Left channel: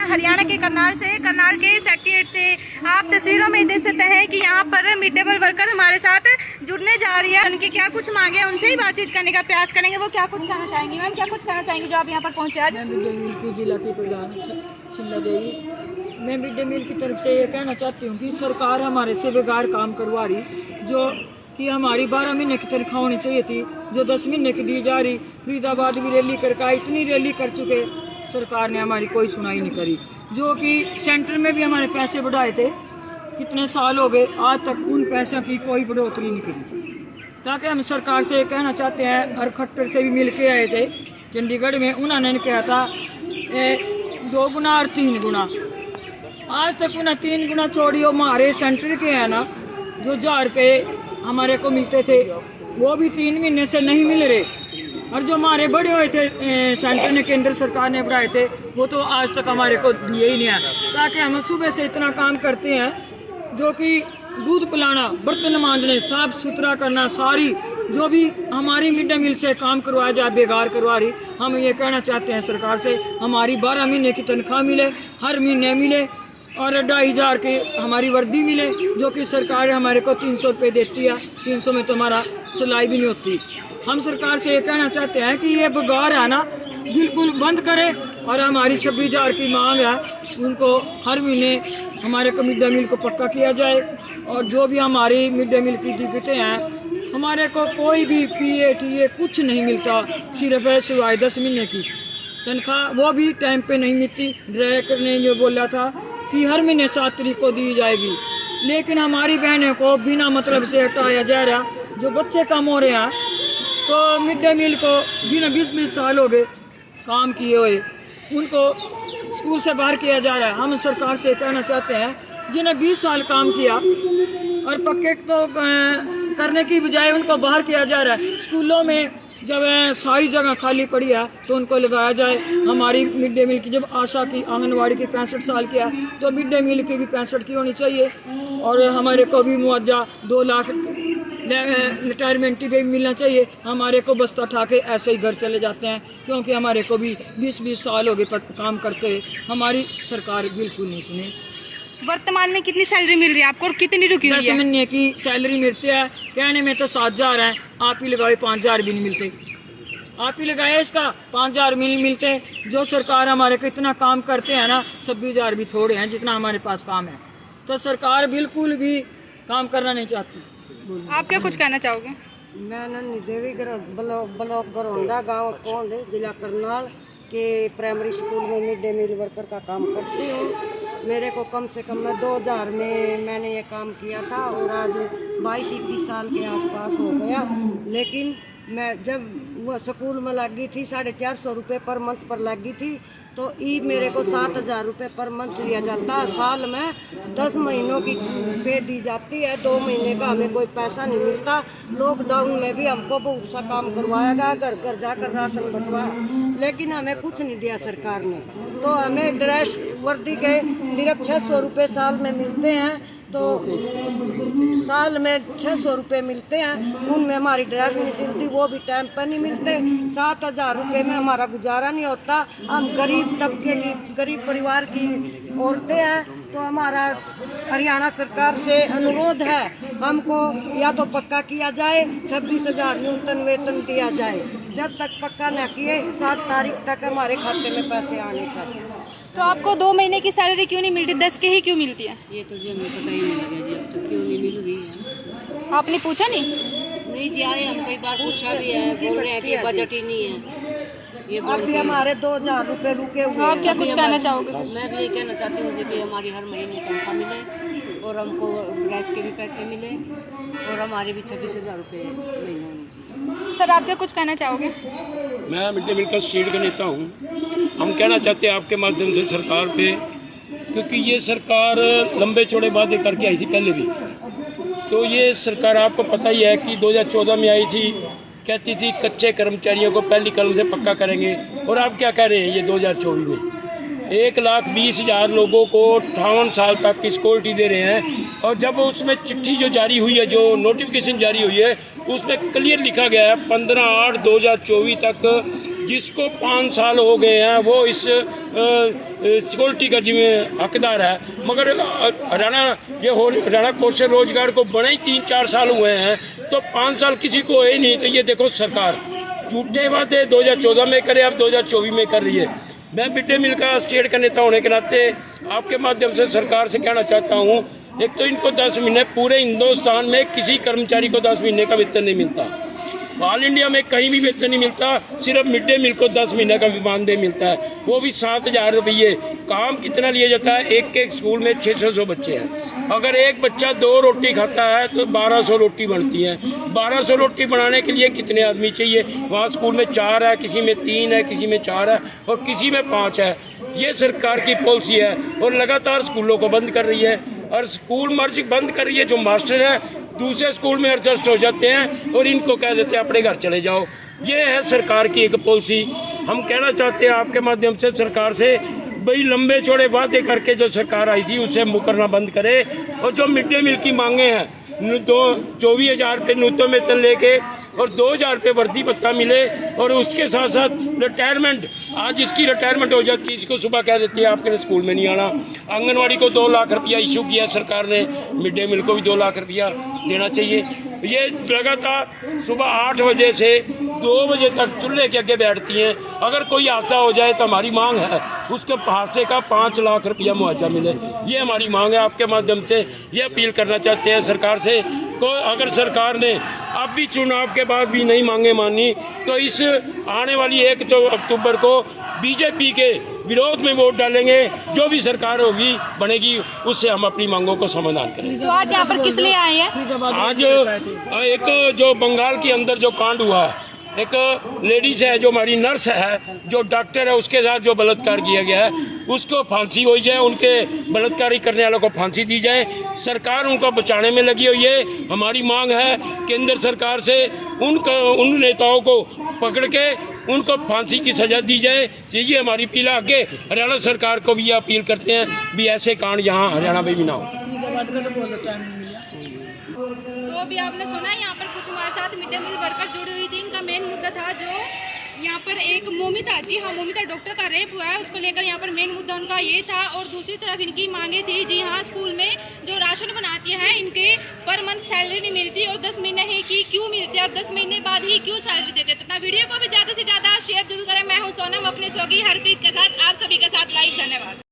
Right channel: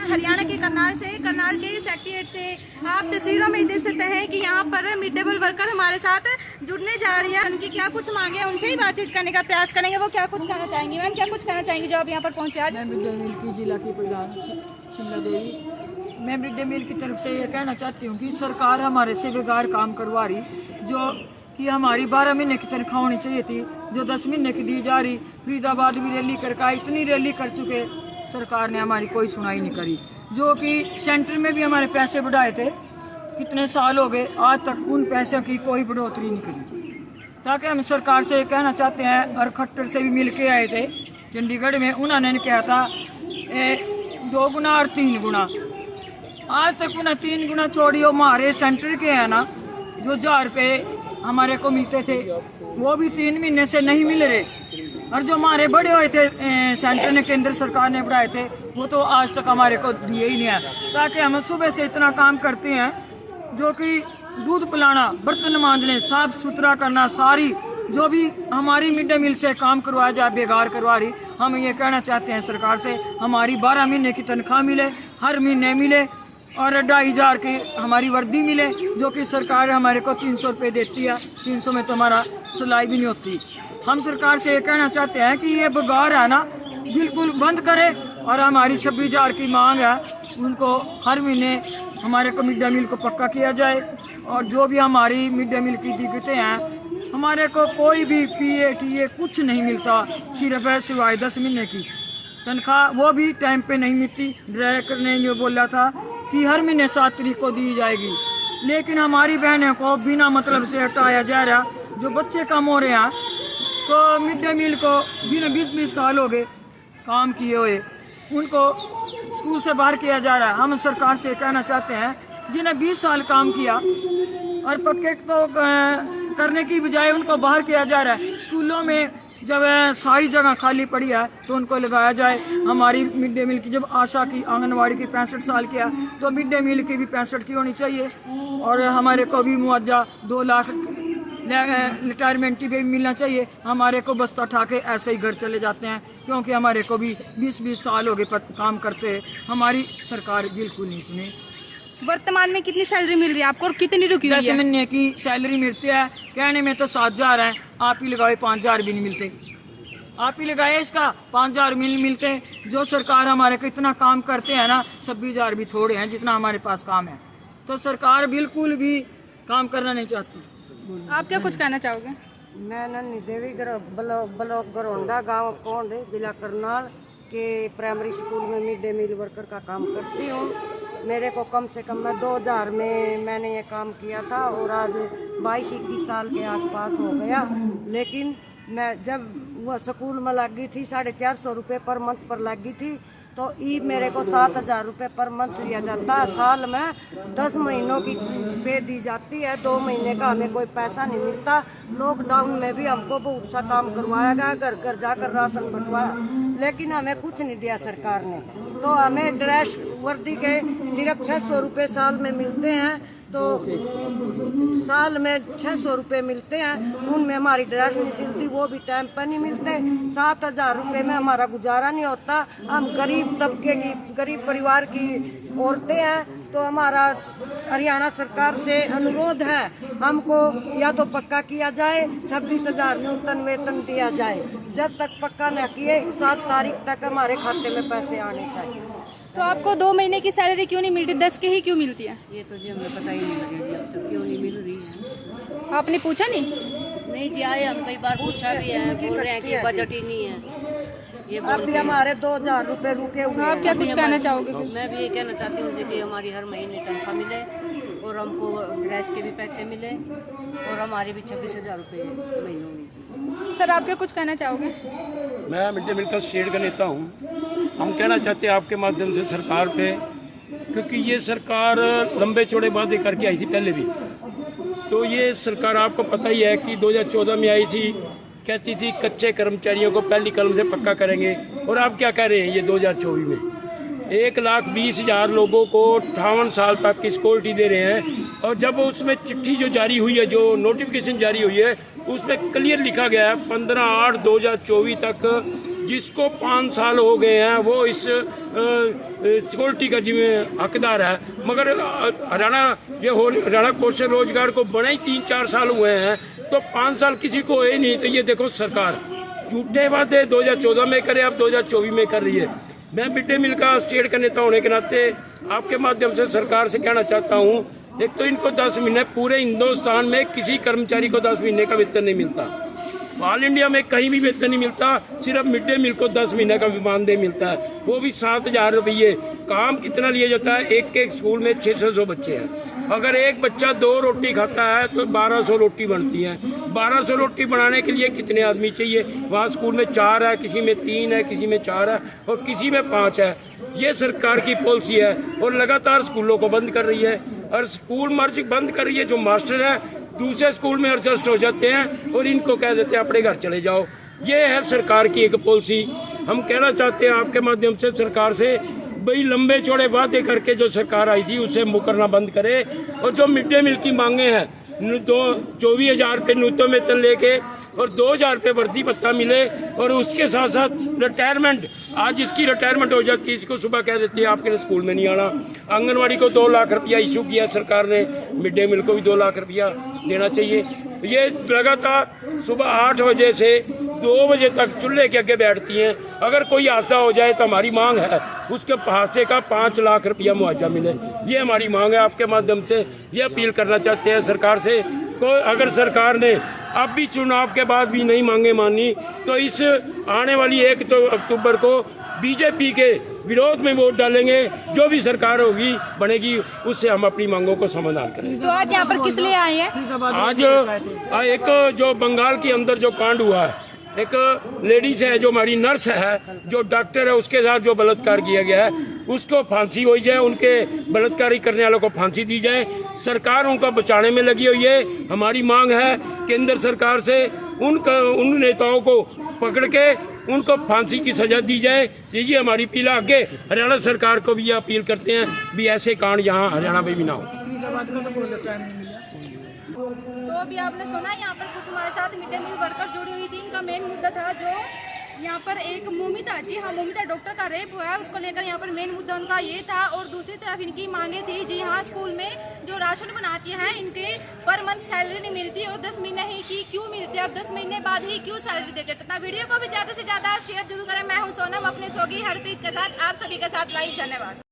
हरियाणा के करनाल के सेक्रेटेरिएट से आप तस्वीरों में देख सकते हैं कि यहाँ पर मिड डे मील वर्कर हमारे साथ जुड़ने जा रही है। उनकी क्या कुछ मांगे उनसे ही बातचीत करने का प्रयास करेंगे। वो क्या कुछ कहना चाहेंगी? मैम क्या कुछ कहना चाहेंगी जो आप यहाँ पर पहुँचे आज? मैं मिड डे मील की जिला की प्रधान शिमला देवी, मैं मिड डे मील की तरफ से ये कहना चाहती हूँ कि सरकार हमारे से बेकार काम करवा रही, जो कि हमारी 12 महीने की तनख्वाह होनी चाहिए थी, जो 10 महीने की दी जा रही। फरीदाबाद भी रैली करके इतनी रैली कर चुके, सरकार ने हमारी कोई सुनाई नहीं करी। जो कि सेंटर में भी हमारे पैसे बढ़ाए थे, कितने साल हो गए, आज तक उन पैसों की कोई बढ़ोतरी नहीं करी। ताकि हम सरकार से कहना चाहते हैं, और खट्टर से भी मिल के आए थे चंडीगढ़ में, उन्होंने कहा था 2 गुना और 3 गुना। आज तक उन्हें 3 गुना छोड़ियो, हमारे सेंटर के हैं ना जो 1000 रुपये हमारे को मिलते थे, वो भी 3 महीने से नहीं मिल रहे। और जो हमारे बड़े हुए थे सेंटर ने, केंद्र सरकार ने बढ़ाए थे, वो तो आज तक हमारे को दिए ही नहीं है। ताकि हम सुबह से इतना काम करते हैं, जो कि दूध पिलाना, बर्तन मांजने, साफ सुथरा करना, सारी जो भी हमारी मिड डे मील से काम करवाया जाए बेकार करवा रही। हम ये कहना चाहते हैं सरकार से, हमारी 12 महीने की तनख्वाह मिले, हर महीने मिले, और 2500 की हमारी वर्दी मिले, जो कि सरकार हमारे को 300 रुपये देती है। 300 में तो हमारा सिलाई भी नहीं होती। हम सरकार से ये कहना चाहते हैं कि ये बेकार है ना, बिल्कुल बंद करें, और हमारी 26,000 की मांग है, उनको हर महीने हमारे को मिड डे मील को पक्का किया जाए। और जो भी हमारी मिड डे मील की दिक्कतें हैं, हमारे को कोई भी PATA कुछ नहीं मिलता, सिर्फ है सिवाय 10 महीने की तनख्वाह, वो भी टाइम पे नहीं मिलती। डायरेक्टर ने जो बोला था कि हर महीने 7 तारीख को दी जाएगी, लेकिन हमारी बहनों को बिना मतलब से हटाया जा रहा। जो बच्चे कम हो रहे हैं, तो मिड डे मील को जिन्हें 20-20 साल हो गए काम किए हुए, उनको स्कूल से बाहर किया जा रहा है। हम सरकार से कहना चाहते हैं, जिन्हें 20 साल काम किया और पक्के तो करने की बजाय उनको बाहर किया जा रहा है। स्कूलों में जब सारी जगह खाली पड़ी है तो उनको लगाया जाए। हमारी मिड डे मील की जब आशा की आंगनवाड़ी की 65 साल की है, तो मिड डे मील की भी 65 की होनी चाहिए। और हमारे को भी मुआवजा 2 लाख रिटायरमेंट की भी मिलना चाहिए। हमारे को बस्ता उठा के ऐसे ही घर चले जाते हैं, क्योंकि हमारे को भी 20-20 साल हो गए काम करते हैं। हमारी सरकार बिल्कुल नहीं सुनी। वर्तमान में कितनी सैलरी मिल रही है आपको और कितनी रुकी हुई है? 10 महीने की सैलरी मिलती है, कहने में तो 7,000 है, आप ही लगाए 5,000 भी नहीं मिलते। आप ही लगाए इसका 5,000 मिलते। जो सरकार हमारे को इतना काम करते हैं ना, 26,000 भी थोड़े हैं जितना हमारे पास काम है। तो सरकार बिल्कुल भी काम करना नहीं चाहती। आप क्या कुछ कहना चाहोगे? मैं नन्ही देवी ब्लॉक गरोंडा गांव पौंड जिला करनाल के प्राइमरी स्कूल में मिड डे मील वर्कर का काम करती हूँ। मेरे को कम से कम 2000 में मैंने ये काम किया था, और आज 22-21 साल के आसपास हो गया। लेकिन मैं जब वो स्कूल में लगी थी 450 रुपये पर मंथ पर लगी थी, तो ई मेरे को 7,000 रुपये पर मंथ दिया जाता है। साल में 10 महीनों की पे दी जाती है, 2 महीने का हमें कोई पैसा नहीं मिलता। लॉकडाउन में भी हमको बहुत सा काम करवाया गया, घर घर जाकर राशन बंटवाया, लेकिन हमें कुछ नहीं दिया सरकार ने। तो हमें ड्रेस वर्दी के सिर्फ 600 रुपये साल में मिलते हैं, तो साल में 600 रुपये मिलते हैं, उनमें हमारी ड्रेस नहीं सिलती, वो भी टाइम पर नहीं मिलते। 7,000 रुपये में हमारा गुजारा नहीं होता। हम गरीब तबके की, गरीब परिवार की औरतें हैं। तो हमारा हरियाणा सरकार से अनुरोध है, हमको या तो पक्का किया जाए, 26,000 न्यूनतम वेतन दिया जाए। जब तक पक्का न किए 7 तारीख तक हमारे खाते में पैसे आने चाहिए। तो आपको 2 महीने की सैलरी क्यों नहीं मिलती, 10 की ही क्यों मिलती है? ये तो जी हमें पता ही नहीं लगे जी, अब तो क्यों नहीं मिल रही है। आपने पूछा नहीं? नहीं जी, आए हम कई बार पूछा भी है, बोल रहे हैं कि बजट ही नहीं है। ये अभी हमारे 2,000 रुपये रुके हुए हैं। आप क्या कुछ कहना चाहोगे? मैं भी ये कहना चाहती हूँ कि हमारी हर महीने तनख्वाह मिले, और हमको ड्रेस के भी पैसे मिले, और हमारे भी 26,000 रुपये महीने होनी चाहिए। सर आप क्या कुछ कहना चाहोगे? मैं मिड डे मील का स्टेट का नेता हूँ। हम कहना चाहते हैं आपके माध्यम से सरकार पे, क्योंकि ये सरकार लंबे चौड़े वादे करके आई थी पहले भी। तो ये सरकार आपको पता ही है कि 2014 में आई थी, कहती थी कच्चे कर्मचारियों को पहली कलम से पक्का करेंगे, और आप क्या कह रहे हैं? ये 2024 में 1,20,000 लोगों को 58 साल तक की सिक्योरिटी दे रहे हैं। और जब उसमें चिट्ठी जो जारी हुई है, जो नोटिफिकेशन जारी हुई है, उसमें क्लियर लिखा गया है 15/8/2024 तक जिसको 5 साल हो गए हैं वो इस सिक्योरिटी का जिम्मे हकदार है, मगर हरियाणा कौशल रोजगार को बने ही 3-4 साल हुए हैं, तो 5 साल किसी को है नहीं। तो ये देखो सरकार झूठे वादे 2014 में करे, अब 2024 में कर रही है। मैं मिड डे मील का स्टेट का नेता होने के नाते आपके माध्यम से सरकार से कहना चाहता हूँ, एक तो इनको 10 महीने, पूरे हिंदुस्तान में किसी कर्मचारी को 10 महीने का वेतन नहीं मिलता, ऑल इंडिया में कहीं भी वेतन नहीं मिलता, सिर्फ मिड डे मील को 10 महीने का मानदेय मिलता है, वो भी 7,000 रुपये। काम कितना लिया जाता है, एक स्कूल में 600 बच्चे हैं, अगर एक बच्चा 2 रोटी खाता है तो 1200 रोटी बनती है। 1200 रोटी बनाने के लिए कितने आदमी चाहिए? वहाँ स्कूल में 4 है, किसी में 3 है, किसी में 4 है और किसी में 5 है। ये सरकार की पॉलिसी है और लगातार स्कूलों को बंद कर रही है, और स्कूल मर्ज बंद कर रही है। जो मास्टर है दूसरे स्कूल में एडजस्ट हो जाते हैं और इनको कह देते हैं अपने घर चले जाओ। ये है सरकार की एक पॉलिसी। हम कहना चाहते हैं आपके माध्यम से सरकार से, भाई लंबे चौड़े वादे करके जो सरकार आई थी उसे मुकरना बंद करे, और जो मिड डे मील की मांगे हैं 24,000 रुपये न्यूनतम वेतन लेके और 2,000 रुपये वर्दी भत्ता मिले, और उसके साथ साथ रिटायरमेंट, आज इसकी रिटायरमेंट हो जाती है, इसको सुबह कह देती है आपके स्कूल में नहीं आना। आंगनवाड़ी को 2 लाख रुपया इशू किया सरकार ने, मिड डे मील को भी 2 लाख रुपया देना चाहिए। ये लगातार सुबह 8 बजे से 2 बजे तक चूल्हे के आगे बैठती हैं। अगर कोई हादसा हो जाए तो हमारी मांग है उसके हादसे का 5 लाख रुपया मुआवजा मिले, ये हमारी मांग है। आपके माध्यम से ये अपील करना चाहते हैं सरकार से, को अगर सरकार ने अब भी चुनाव के बाद भी नहीं मांगे मानी तो इस आने वाली 1 अक्टूबर को बीजेपी के विरोध में वोट डालेंगे। जो भी सरकार होगी बनेगी उससे हम अपनी मांगों को समाधान करेंगे। तो आज यहाँ पर किस लिए आए हैं? आज एक जो बंगाल के अंदर जो कांड हुआ है, एक लेडीज है जो हमारी नर्स है, जो डॉक्टर है, उसके साथ जो बलात्कार किया गया है उसको फांसी हो जाए, उनके बलात्कारी करने वालों को फांसी दी जाए। सरकार उनको बचाने में लगी हुई है। हमारी मांग है केंद्र सरकार से उन नेताओं को पकड़ के उनको फांसी की सजा दी जाए। ये हमारी अपील है। आगे हरियाणा सरकार को भी ये अपील करते हैं भी ऐसे कांड यहाँ हरियाणा में भी ना हो। तो अभी आपने सुना यहाँ पर कुछ हमारे साथ मिड डे मील वर्कर जुड़ी हुई थी। इनका मेन मुद्दा था जो यहाँ पर एक मोमिता, जी हाँ मोमिता डॉक्टर का रेप हुआ है, उसको लेकर यहाँ पर मेन मुद्दा उनका ये था। और दूसरी तरफ इनकी मांगे थी, जी हाँ स्कूल में जो राशन बनाती हैं इनके पर मंथ सैलरी नहीं मिलती, और 10 महीने ही की क्यों मिलती है और 10 महीने बाद ही क्यों सैलरी देते। तथा वीडियो को भी ज़्यादा से ज़्यादा शेयर जरूर करें। मैं हूँ सोनम अपनी सोगी हरप्रीत के साथ, आप सभी के साथ लाइव। धन्यवाद।